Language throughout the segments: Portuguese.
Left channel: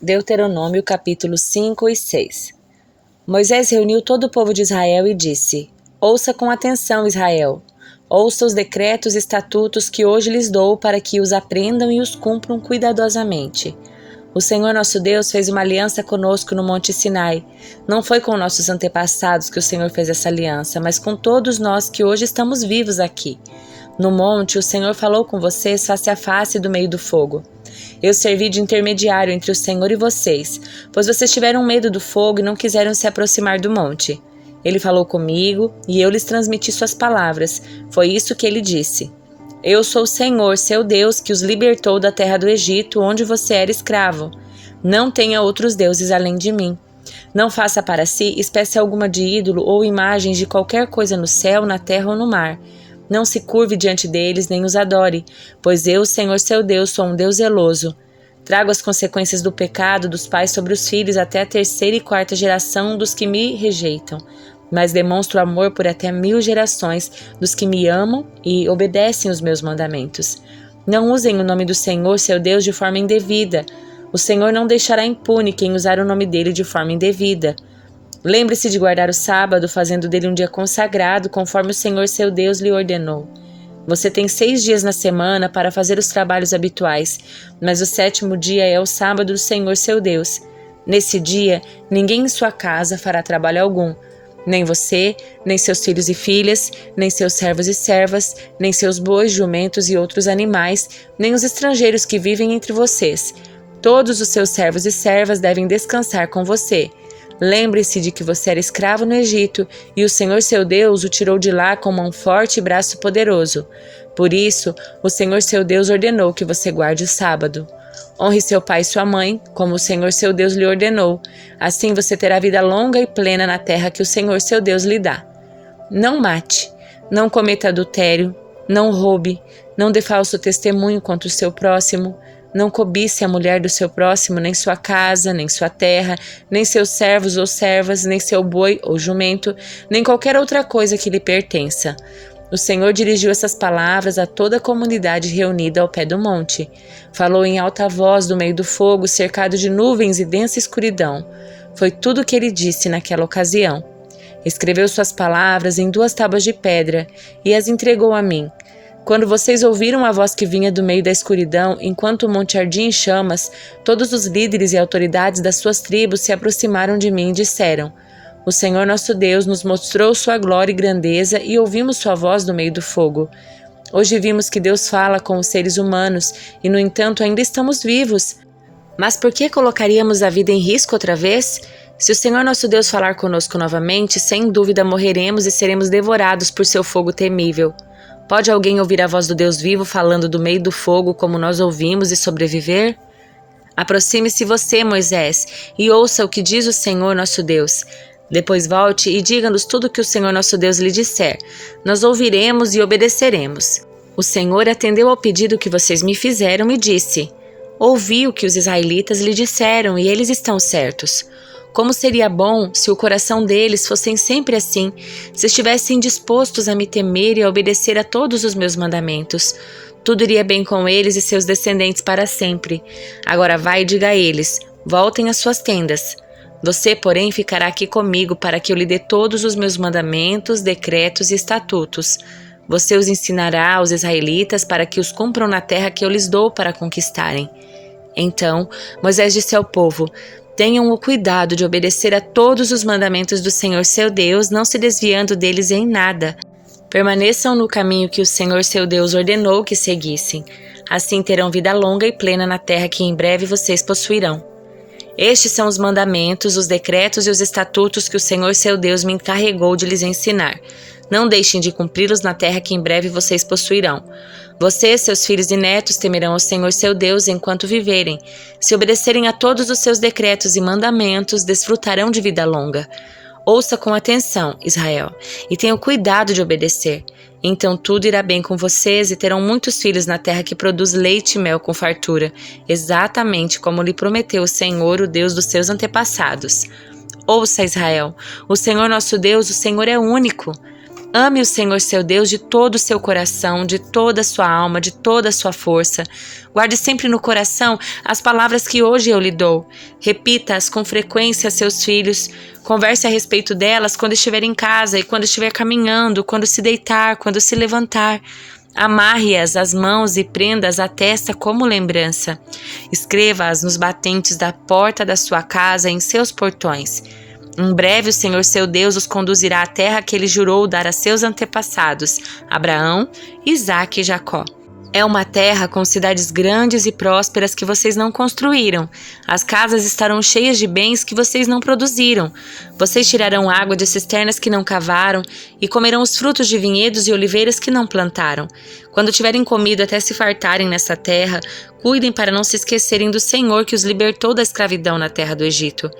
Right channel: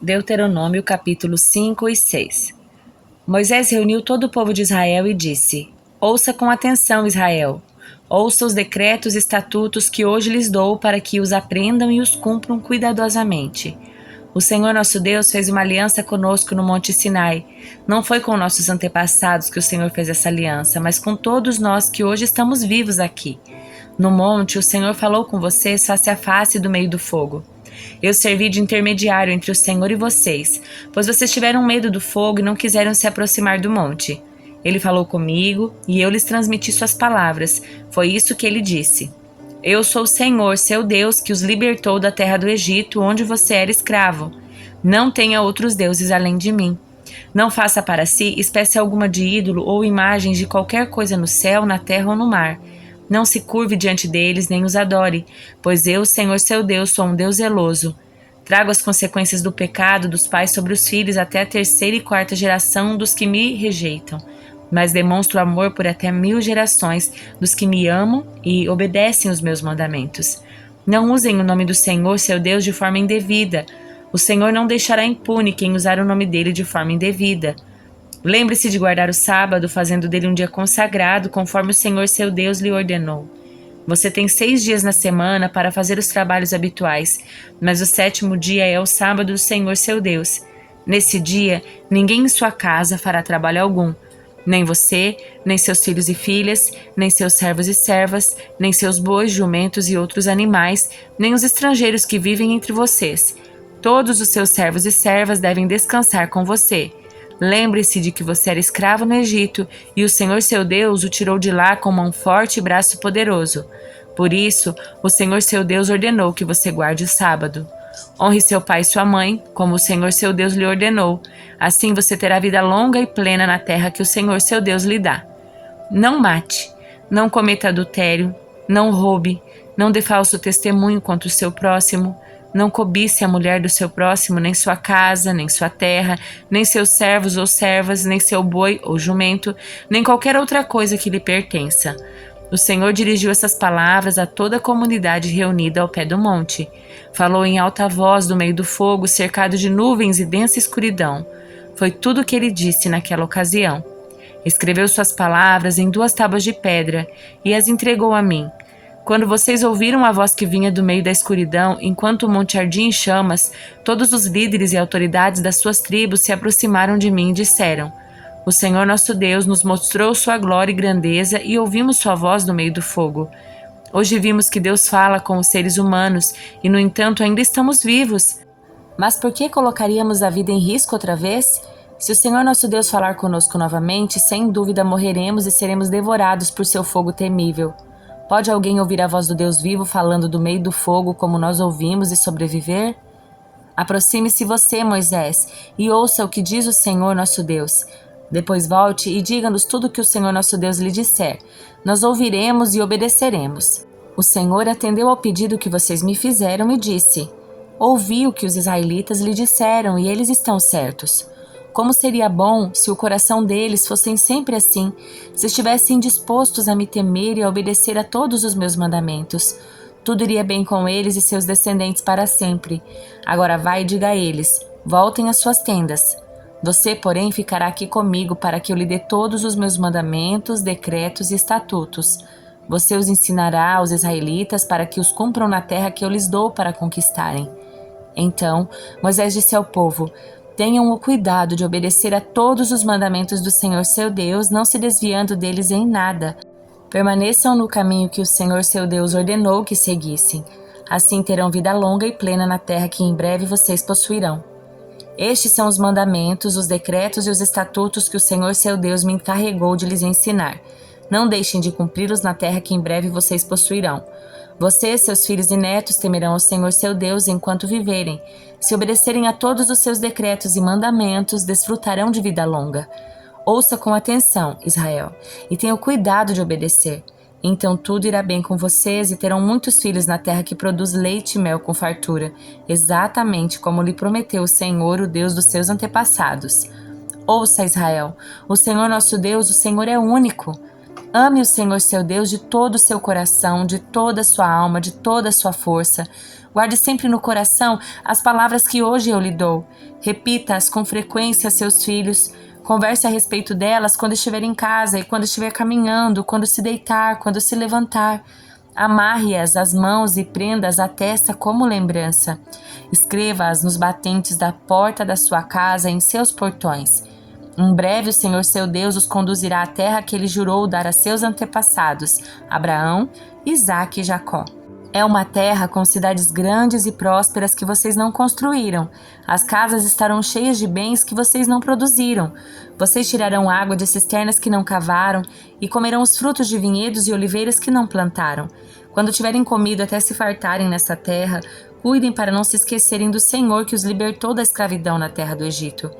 Deuteronômio capítulos 5 e 6. Moisés reuniu todo o povo de Israel e disse: Ouça com atenção, Israel. Ouça os decretos e estatutos que hoje lhes dou para que os aprendam e os cumpram cuidadosamente. O Senhor nosso Deus fez uma aliança conosco no Monte Sinai. Não foi com nossos antepassados que o Senhor fez essa aliança, mas com todos nós que hoje estamos vivos aqui. No monte, o Senhor falou com vocês face a face do meio do fogo. Eu servi de intermediário entre o Senhor e vocês, pois vocês tiveram medo do fogo e não quiseram se aproximar do monte. Ele falou comigo e eu lhes transmiti suas palavras. Foi isso que ele disse. Eu sou o Senhor, seu Deus, que os libertou da terra do Egito, onde você era escravo. Não tenha outros deuses além de mim. Não faça para si espécie alguma de ídolo ou imagens de qualquer coisa no céu, na terra ou no mar. Não se curve diante deles, nem os adore, pois eu, Senhor seu Deus, sou um Deus zeloso. Trago as consequências do pecado dos pais sobre os filhos até a 3ª e 4ª geração dos que me rejeitam, mas demonstro amor por até 1000 gerações dos que me amam e obedecem os meus mandamentos. Não usem o nome do Senhor, seu Deus, de forma indevida. O Senhor não deixará impune quem usar o nome dele de forma indevida. Lembre-se de guardar o sábado, fazendo dele um dia consagrado, conforme o Senhor seu Deus lhe ordenou. Você tem 6 dias na semana para fazer os trabalhos habituais, mas o 7º dia é o sábado do Senhor seu Deus. Nesse dia, ninguém em sua casa fará trabalho algum. Nem você, nem seus filhos e filhas, nem seus servos e servas, nem seus bois, jumentos e outros animais, nem os estrangeiros que vivem entre vocês. Todos os seus servos e servas devem descansar com você. Lembre-se de que você era escravo no Egito e o Senhor seu Deus o tirou de lá com mão forte e braço poderoso. Por isso, o Senhor seu Deus ordenou que você guarde o sábado. Honre seu pai e sua mãe, como o Senhor seu Deus lhe ordenou. Assim você terá vida longa e plena na terra que o Senhor seu Deus lhe dá. Não mate, não cometa adultério, não roube, não dê falso testemunho contra o seu próximo. Não cobice a mulher do seu próximo, nem sua casa, nem sua terra, nem seus servos ou servas, nem seu boi ou jumento, nem qualquer outra coisa que lhe pertença. O Senhor dirigiu essas palavras a toda a comunidade reunida ao pé do monte. Falou em alta voz do meio do fogo, cercado de nuvens e densa escuridão. Foi tudo o que ele disse naquela ocasião. Escreveu suas palavras em 2 tábuas de pedra e as entregou a mim. Quando vocês ouviram a voz que vinha do meio da escuridão, enquanto o monte ardia em chamas, todos os líderes e autoridades das suas tribos se aproximaram de mim e disseram: O Senhor nosso Deus nos mostrou sua glória e grandeza e ouvimos sua voz no meio do fogo. Hoje vimos que Deus fala com os seres humanos e, no entanto, ainda estamos vivos. Mas por que colocaríamos a vida em risco outra vez? Se o Senhor nosso Deus falar conosco novamente, sem dúvida morreremos e seremos devorados por seu fogo temível. Pode alguém ouvir a voz do Deus vivo falando do meio do fogo como nós ouvimos e sobreviver? Aproxime-se você, Moisés, e ouça o que diz o Senhor nosso Deus. Depois volte e diga-nos tudo o que o Senhor nosso Deus lhe disser. Nós ouviremos e obedeceremos. O Senhor atendeu ao pedido que vocês me fizeram e disse: Ouvi o que os israelitas lhe disseram e eles estão certos. Como seria bom se o coração deles fossem sempre assim, se estivessem dispostos a me temer e a obedecer a todos os meus mandamentos. Tudo iria bem com eles e seus descendentes para sempre. Agora vai e diga a eles: voltem às suas tendas. Você, porém, ficará aqui comigo para que eu lhe dê todos os meus mandamentos, decretos e estatutos. Você os ensinará aos israelitas para que os cumpram na terra que eu lhes dou para conquistarem. Então Moisés disse ao povo: Tenham o cuidado de obedecer a todos os mandamentos do Senhor seu Deus, não se desviando deles em nada. Permaneçam no caminho que o Senhor seu Deus ordenou que seguissem. Assim terão vida longa e plena na terra que em breve vocês possuirão. Estes são os mandamentos, os decretos e os estatutos que o Senhor seu Deus me encarregou de lhes ensinar. Não deixem de cumpri-los na terra que em breve vocês possuirão. Vocês, seus filhos e netos, temerão ao Senhor seu Deus enquanto viverem. Se obedecerem a todos os seus decretos e mandamentos, desfrutarão de vida longa. Ouça com atenção, Israel, e tenham cuidado de obedecer. Então tudo irá bem com vocês e terão muitos filhos na terra que produz leite e mel com fartura, exatamente como lhe prometeu o Senhor, o Deus dos seus antepassados. Ouça, Israel, o Senhor nosso Deus, o Senhor é único. Ame o Senhor seu Deus de todo o seu coração, de toda a sua alma, de toda a sua força. Guarde sempre no coração as palavras que hoje eu lhe dou. Repita-as com frequência a seus filhos. Converse a respeito delas quando estiver em casa e quando estiver caminhando, quando se deitar, quando se levantar. Amarre-as às mãos e prenda-as à testa como lembrança. Escreva-as nos batentes da porta da sua casa e em seus portões. Em breve o Senhor seu Deus os conduzirá à terra que ele jurou dar a seus antepassados, Abraão, Isaque e Jacó. É uma terra com cidades grandes e prósperas que vocês não construíram. As casas estarão cheias de bens que vocês não produziram. Vocês tirarão água de cisternas que não cavaram e comerão os frutos de vinhedos e oliveiras que não plantaram. Quando tiverem comido até se fartarem nessa terra, cuidem para não se esquecerem do Senhor que os libertou da escravidão na terra do Egito.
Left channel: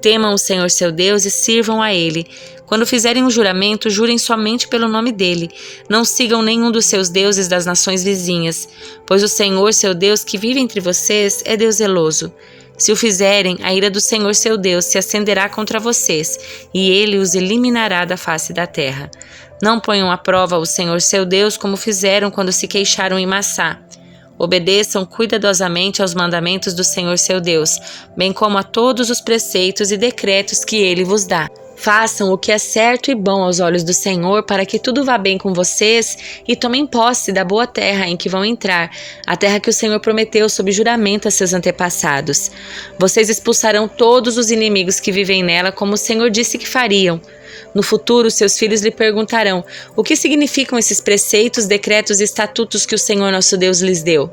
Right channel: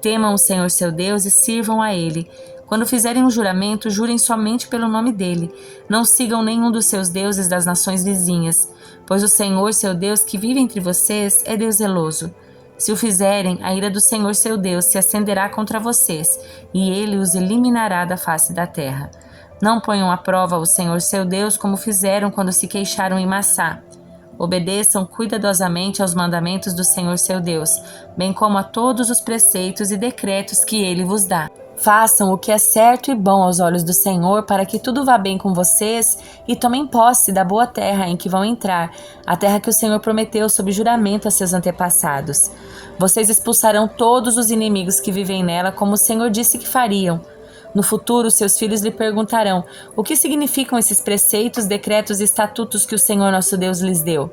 Temam o Senhor seu Deus e sirvam a Ele. Quando fizerem um juramento, jurem somente pelo nome dele. Não sigam nenhum dos seus deuses das nações vizinhas, pois o Senhor seu Deus que vive entre vocês é Deus zeloso. Se o fizerem, a ira do Senhor seu Deus se acenderá contra vocês, e ele os eliminará da face da terra. Não ponham à prova o Senhor seu Deus como fizeram quando se queixaram em Massá. Obedeçam cuidadosamente aos mandamentos do Senhor seu Deus, bem como a todos os preceitos e decretos que ele vos dá. Façam o que é certo e bom aos olhos do Senhor, para que tudo vá bem com vocês e tomem posse da boa terra em que vão entrar, a terra que o Senhor prometeu sob juramento a seus antepassados. Vocês expulsarão todos os inimigos que vivem nela, como o Senhor disse que fariam. No futuro, seus filhos lhe perguntarão: o que significam esses preceitos, decretos e estatutos que o Senhor nosso Deus lhes deu?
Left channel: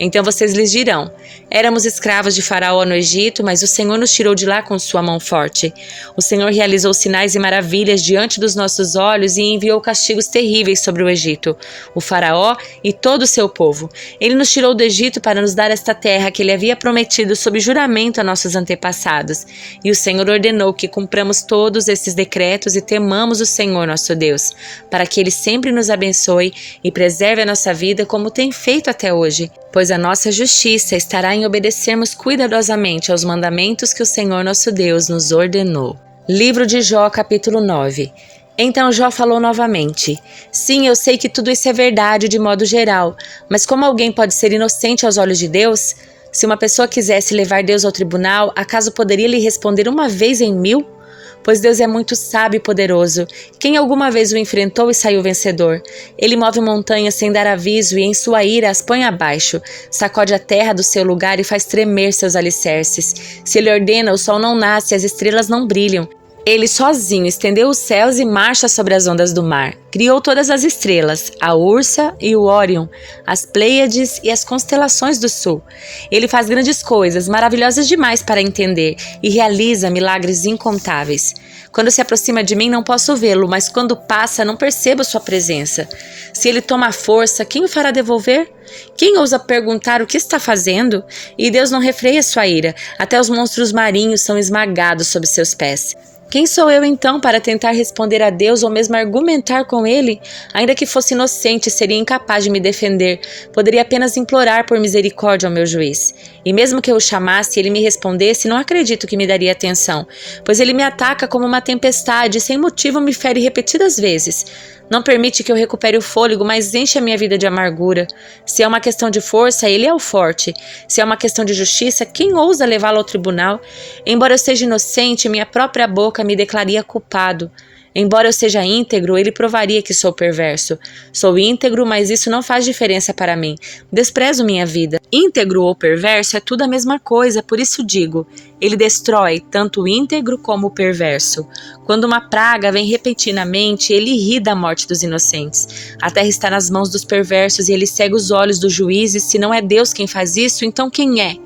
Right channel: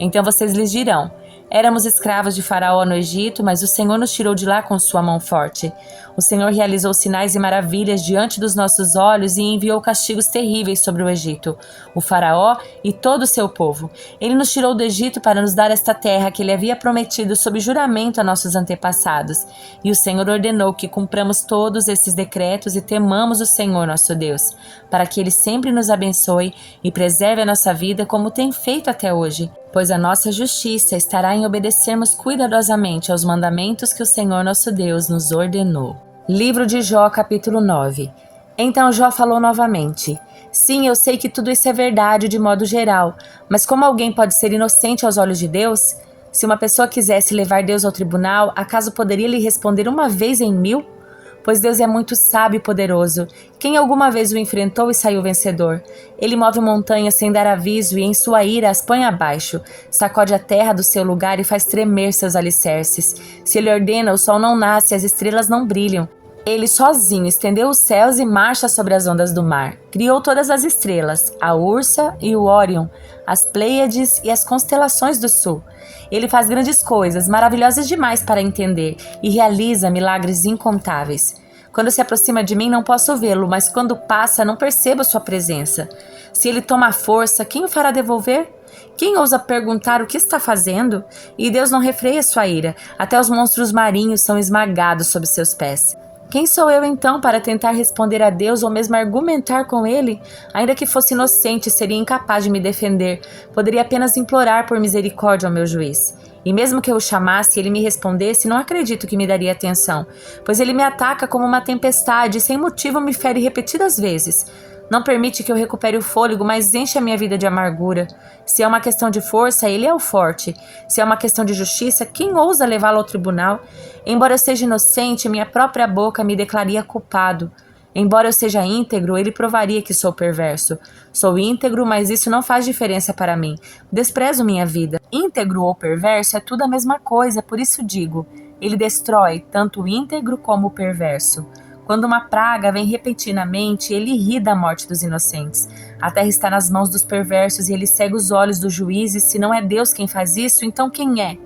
Então vocês lhes dirão: éramos escravos de Faraó no Egito, mas o Senhor nos tirou de lá com sua mão forte. O Senhor realizou sinais e maravilhas diante dos nossos olhos e enviou castigos terríveis sobre o Egito, o Faraó e todo o seu povo. Ele nos tirou do Egito para nos dar esta terra que ele havia prometido sob juramento a nossos antepassados. E o Senhor ordenou que cumpramos todos esses decretos e temamos o Senhor nosso Deus, para que ele sempre nos abençoe e preserve a nossa vida como tem feito até hoje. Pois a nossa justiça estará em obedecermos cuidadosamente aos mandamentos que o Senhor nosso Deus nos ordenou. Livro de Jó, capítulo 9. Então Jó falou novamente: sim, eu sei que tudo isso é verdade de modo geral, mas como alguém pode ser inocente aos olhos de Deus? Se uma pessoa quisesse levar Deus ao tribunal, acaso poderia lhe responder uma vez em 1000? Pois Deus é muito sábio e poderoso. Quem alguma vez o enfrentou e saiu vencedor? Ele move montanhas sem dar aviso e em sua ira as põe abaixo. Sacode a terra do seu lugar e faz tremer seus alicerces. Se ele ordena, o sol não nasce e as estrelas não brilham. Ele sozinho estendeu os céus e marcha sobre as ondas do mar. Criou todas as estrelas, a Ursa e o Órion, as Pleiades e as constelações do sul. Ele faz grandes coisas, maravilhosas demais para entender, e realiza milagres incontáveis. Quando se aproxima de mim, não posso vê-lo, mas quando passa, não percebo sua presença. Se ele toma a força, quem o fará devolver? Quem ousa perguntar o que está fazendo? E Deus não refreia sua ira, até os monstros marinhos são esmagados sob seus pés. Quem sou eu então para tentar responder a Deus ou mesmo argumentar com Ele? Ainda que fosse inocente, seria incapaz de me defender. Poderia apenas implorar por misericórdia ao meu juiz. E mesmo que eu o chamasse e ele me respondesse, não acredito que me daria atenção, pois ele me ataca como uma tempestade e sem motivo me fere repetidas vezes. Não permite que eu recupere o fôlego, mas enche a minha vida de amargura. Se é uma questão de força, ele é o forte. Se é uma questão de justiça, quem ousa levá-lo ao tribunal? Embora eu seja inocente, minha própria boca me declaria culpado. Embora eu seja íntegro, ele provaria que sou perverso. Sou íntegro, mas isso não faz diferença para mim. Desprezo minha vida. Íntegro ou perverso é tudo a mesma coisa, por isso digo: ele destrói tanto o íntegro como o perverso. Quando uma praga vem repentinamente, ele ri da morte dos inocentes. A terra está nas mãos dos perversos e ele cega os olhos dos juízes. Se não é Deus quem faz isso, então quem é?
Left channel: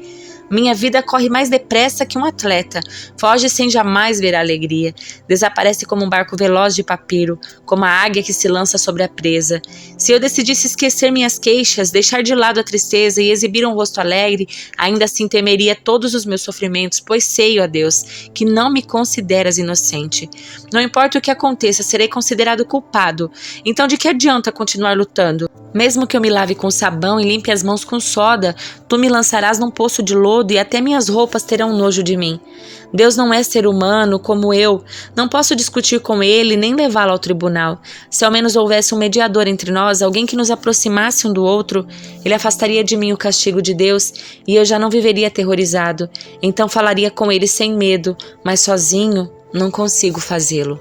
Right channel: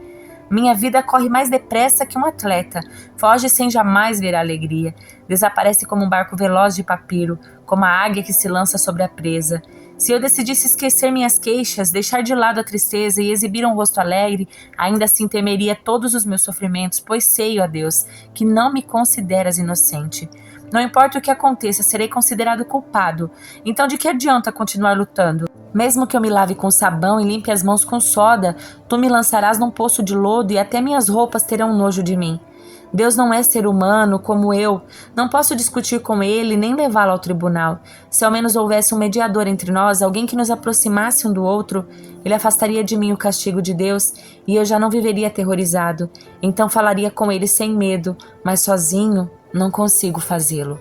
Minha vida corre mais depressa que um atleta, foge sem jamais ver a alegria, desaparece como um barco veloz de papiro, como a águia que se lança sobre a presa. Se eu decidisse esquecer minhas queixas, deixar de lado a tristeza e exibir um rosto alegre, ainda assim temeria todos os meus sofrimentos, pois sei, ó Deus, que não me consideras inocente. Não importa o que aconteça, serei considerado culpado. Então de que adianta continuar lutando? Mesmo que eu me lave com sabão e limpe as mãos com soda, tu me lançarás num poço de lodo todo e até minhas roupas terão nojo de mim. Deus não é ser humano como eu. Não posso discutir com ele nem levá-lo ao tribunal. Se ao menos houvesse um mediador entre nós, alguém que nos aproximasse um do outro, ele afastaria de mim o castigo de Deus e eu já não viveria aterrorizado. Então falaria com ele sem medo, mas sozinho não consigo fazê-lo.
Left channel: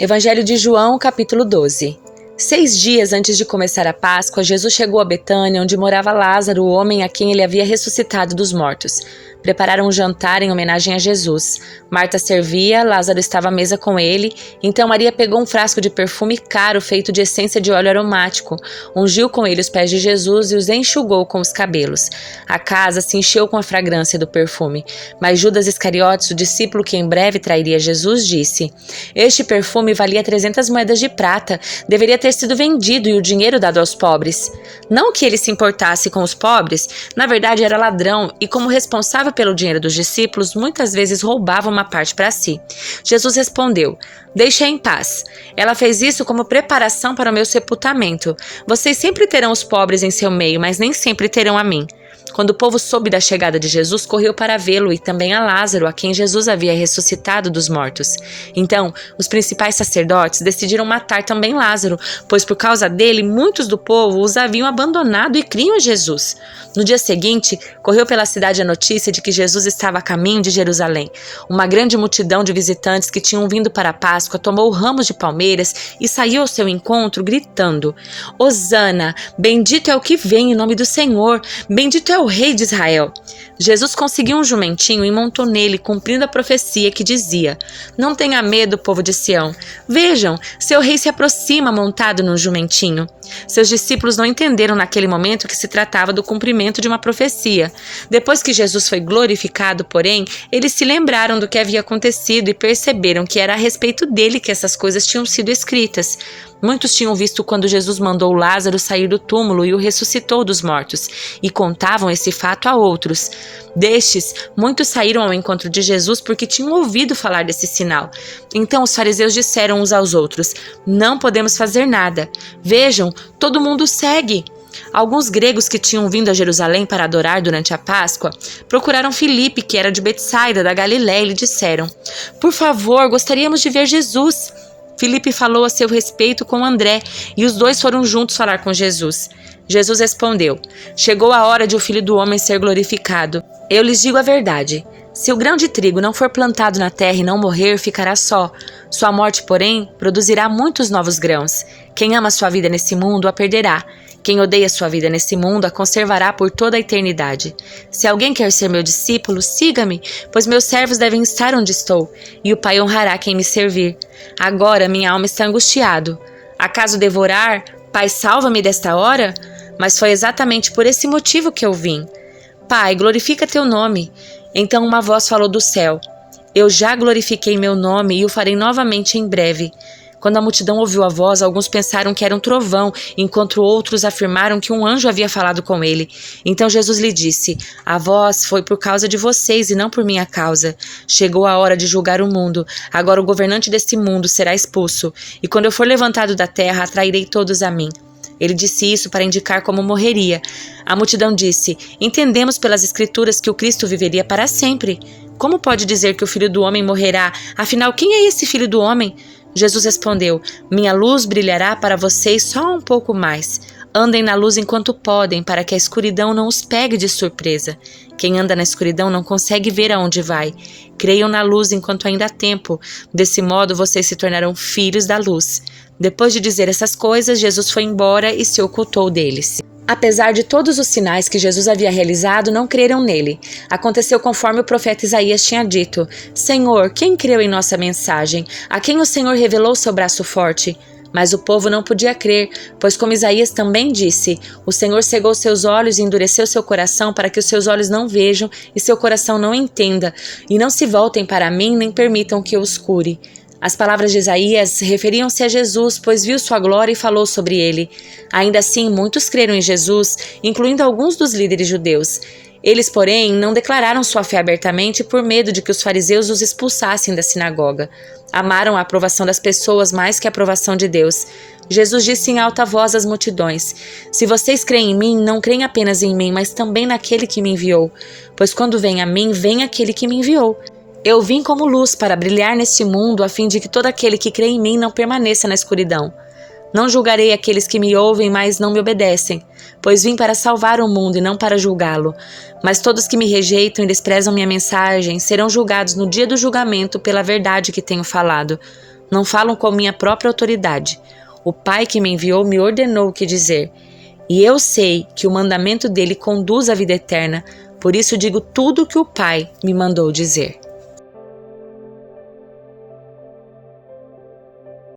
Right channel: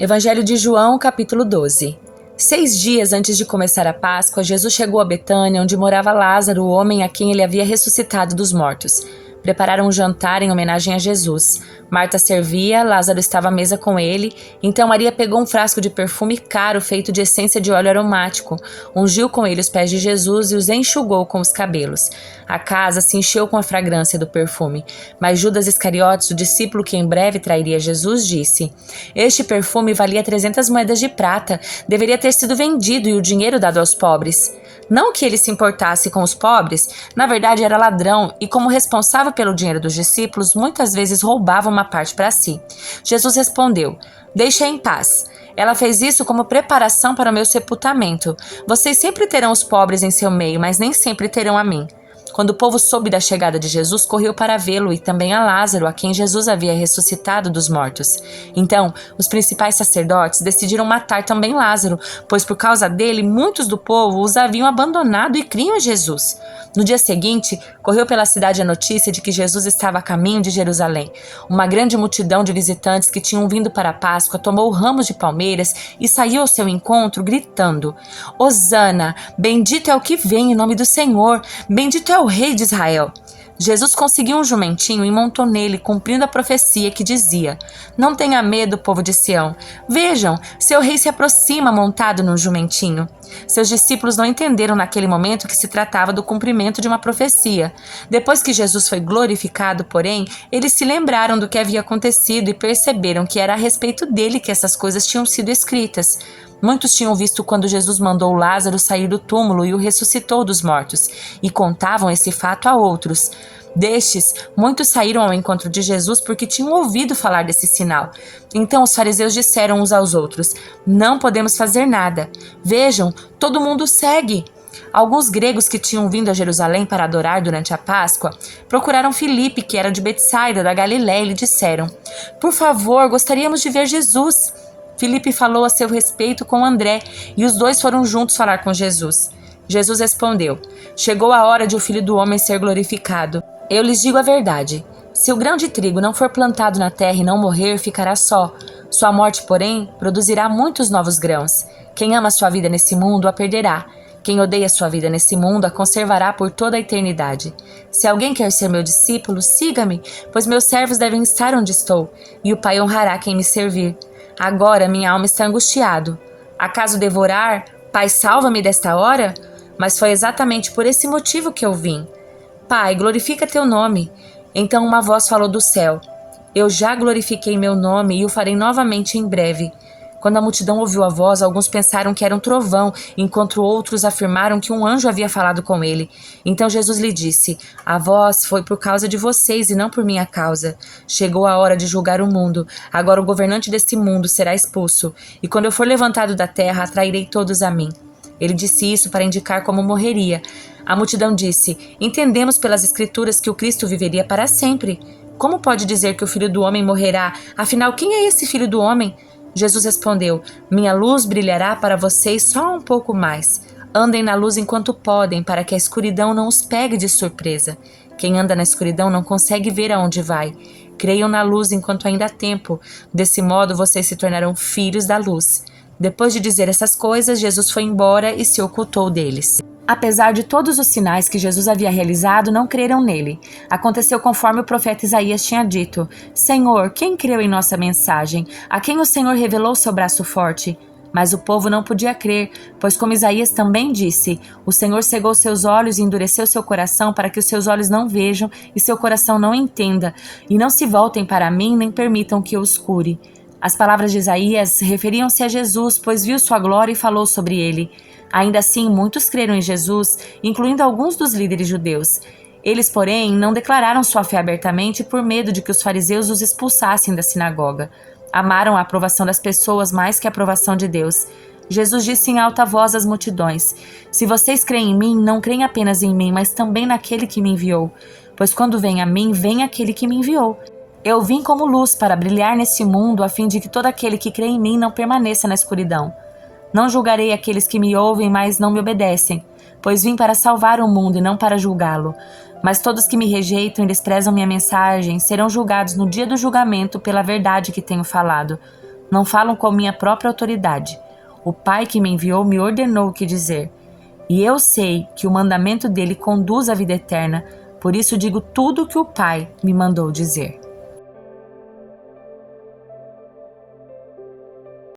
Evangelho de João, capítulo 12. 6 dias antes de começar a Páscoa, Jesus chegou a Betânia, onde morava Lázaro, o homem a quem ele havia ressuscitado dos mortos. Prepararam um jantar em homenagem a Jesus. Marta servia, Lázaro estava à mesa com ele. Então Maria pegou um frasco de perfume caro feito de essência de óleo aromático, ungiu com ele os pés de Jesus e os enxugou com os cabelos. A casa se encheu com a fragrância do perfume. Mas Judas Iscariotes, o discípulo que em breve trairia Jesus, disse: "Este perfume valia 300 moedas de prata. Deveria ter sido vendido e o dinheiro dado aos pobres." Não que ele se importasse com os pobres, na verdade era ladrão e, como responsável pelo dinheiro dos discípulos, muitas vezes roubava uma parte para si. Jesus respondeu: "Deixe-a em paz. Ela fez isso como preparação para o meu sepultamento. Vocês sempre terão os pobres em seu meio, mas nem sempre terão a mim." Quando o povo soube da chegada de Jesus, correu para vê-lo e também a Lázaro, a quem Jesus havia ressuscitado dos mortos. Então, os principais sacerdotes decidiram matar também Lázaro, pois por causa dele, muitos do povo os haviam abandonado e criam em Jesus. No dia seguinte, correu pela cidade a notícia de que Jesus estava a caminho de Jerusalém. Uma grande multidão de visitantes que tinham vindo para a Páscoa tomou ramos de palmeiras e saiu ao seu encontro, gritando: "Hosana, bendito é o que vem em nome do Senhor, bendito é o Rei de Israel." Jesus conseguiu um jumentinho e montou nele, cumprindo a profecia que dizia: "Não tenha medo, povo de Sião. Vejam, seu rei se aproxima montado num jumentinho." Seus discípulos não entenderam naquele momento que se tratava do cumprimento de uma profecia. Depois que Jesus foi glorificado, porém, eles se lembraram do que havia acontecido e perceberam que era a respeito dele que essas coisas tinham sido escritas. Muitos tinham visto quando Jesus mandou Lázaro sair do túmulo e o ressuscitou dos mortos, e contavam esse fato a outros. Destes, muitos saíram ao encontro de Jesus porque tinham ouvido falar desse sinal. Então os fariseus disseram uns aos outros: "Não podemos fazer nada. Vejam, todo mundo segue." Alguns gregos que tinham vindo a Jerusalém para adorar durante a Páscoa procuraram Filipe, que era de Betsaida, da Galiléia, e lhe disseram: "Por favor, gostaríamos de ver Jesus." Filipe falou a seu respeito com André, e os dois foram juntos falar com Jesus. Jesus respondeu: "Chegou a hora de o Filho do Homem ser glorificado. Eu lhes digo a verdade. Se o grão de trigo não for plantado na terra e não morrer, ficará só. Sua morte, porém, produzirá muitos novos grãos. Quem ama sua vida nesse mundo a perderá. Quem odeia sua vida nesse mundo a conservará por toda a eternidade. Se alguém quer ser meu discípulo, siga-me, pois meus servos devem estar onde estou, e o Pai honrará quem me servir. Agora minha alma está angustiada. Acaso devorar? Pai, salva-me desta hora? Mas foi exatamente por esse motivo que eu vim. Pai, glorifica teu nome." Então uma voz falou do céu: "Eu já glorifiquei meu nome e o farei novamente em breve." Quando a multidão ouviu a voz, alguns pensaram que era um trovão, enquanto outros afirmaram que um anjo havia falado com ele. Então Jesus lhe disse: "A voz foi por causa de vocês e não por minha causa. Chegou a hora de julgar o mundo. Agora o governante deste mundo será expulso. E quando eu for levantado da terra, atrairei todos a mim." Ele disse isso para indicar como morreria. A multidão disse: "Entendemos pelas Escrituras que o Cristo viveria para sempre. Como pode dizer que o Filho do Homem morrerá? Afinal, quem é esse Filho do Homem?" Jesus respondeu: "Minha luz brilhará para vocês só um pouco mais. Andem na luz enquanto podem, para que a escuridão não os pegue de surpresa. Quem anda na escuridão não consegue ver aonde vai. Creiam na luz enquanto ainda há tempo. Desse modo vocês se tornarão filhos da luz." Depois de dizer essas coisas, Jesus foi embora e se ocultou deles. Apesar de todos os sinais que Jesus havia realizado, não creram nele. Aconteceu conforme o profeta Isaías tinha dito: "Senhor, quem creu em nossa mensagem? A quem o Senhor revelou seu braço forte?" Mas o povo não podia crer, pois como Isaías também disse: "O Senhor cegou seus olhos e endureceu seu coração para que os seus olhos não vejam e seu coração não entenda, e não se voltem para mim nem permitam que eu os cure." As palavras de Isaías referiam-se a Jesus, pois viu sua glória e falou sobre ele. Ainda assim, muitos creram em Jesus, incluindo alguns dos líderes judeus. Eles, porém, não declararam sua fé abertamente por medo de que os fariseus os expulsassem da sinagoga. Amaram a aprovação das pessoas mais que a aprovação de Deus. Jesus disse em alta voz às multidões: Se vocês creem em mim, não creem apenas em mim, mas também naquele que me enviou. Pois quando vem a mim, vem aquele que me enviou. Eu vim como luz para brilhar neste mundo, a fim de que todo aquele que crê em mim não permaneça na escuridão. Não julgarei aqueles que me ouvem, mas não me obedecem, pois vim para salvar o mundo e não para julgá-lo. Mas todos que me rejeitam e desprezam minha mensagem serão julgados no dia do julgamento pela verdade que tenho falado. Não falam com minha própria autoridade. O Pai que me enviou me ordenou o que dizer. E eu sei que o mandamento dele conduz à vida eterna, por isso digo tudo o que o Pai me mandou dizer.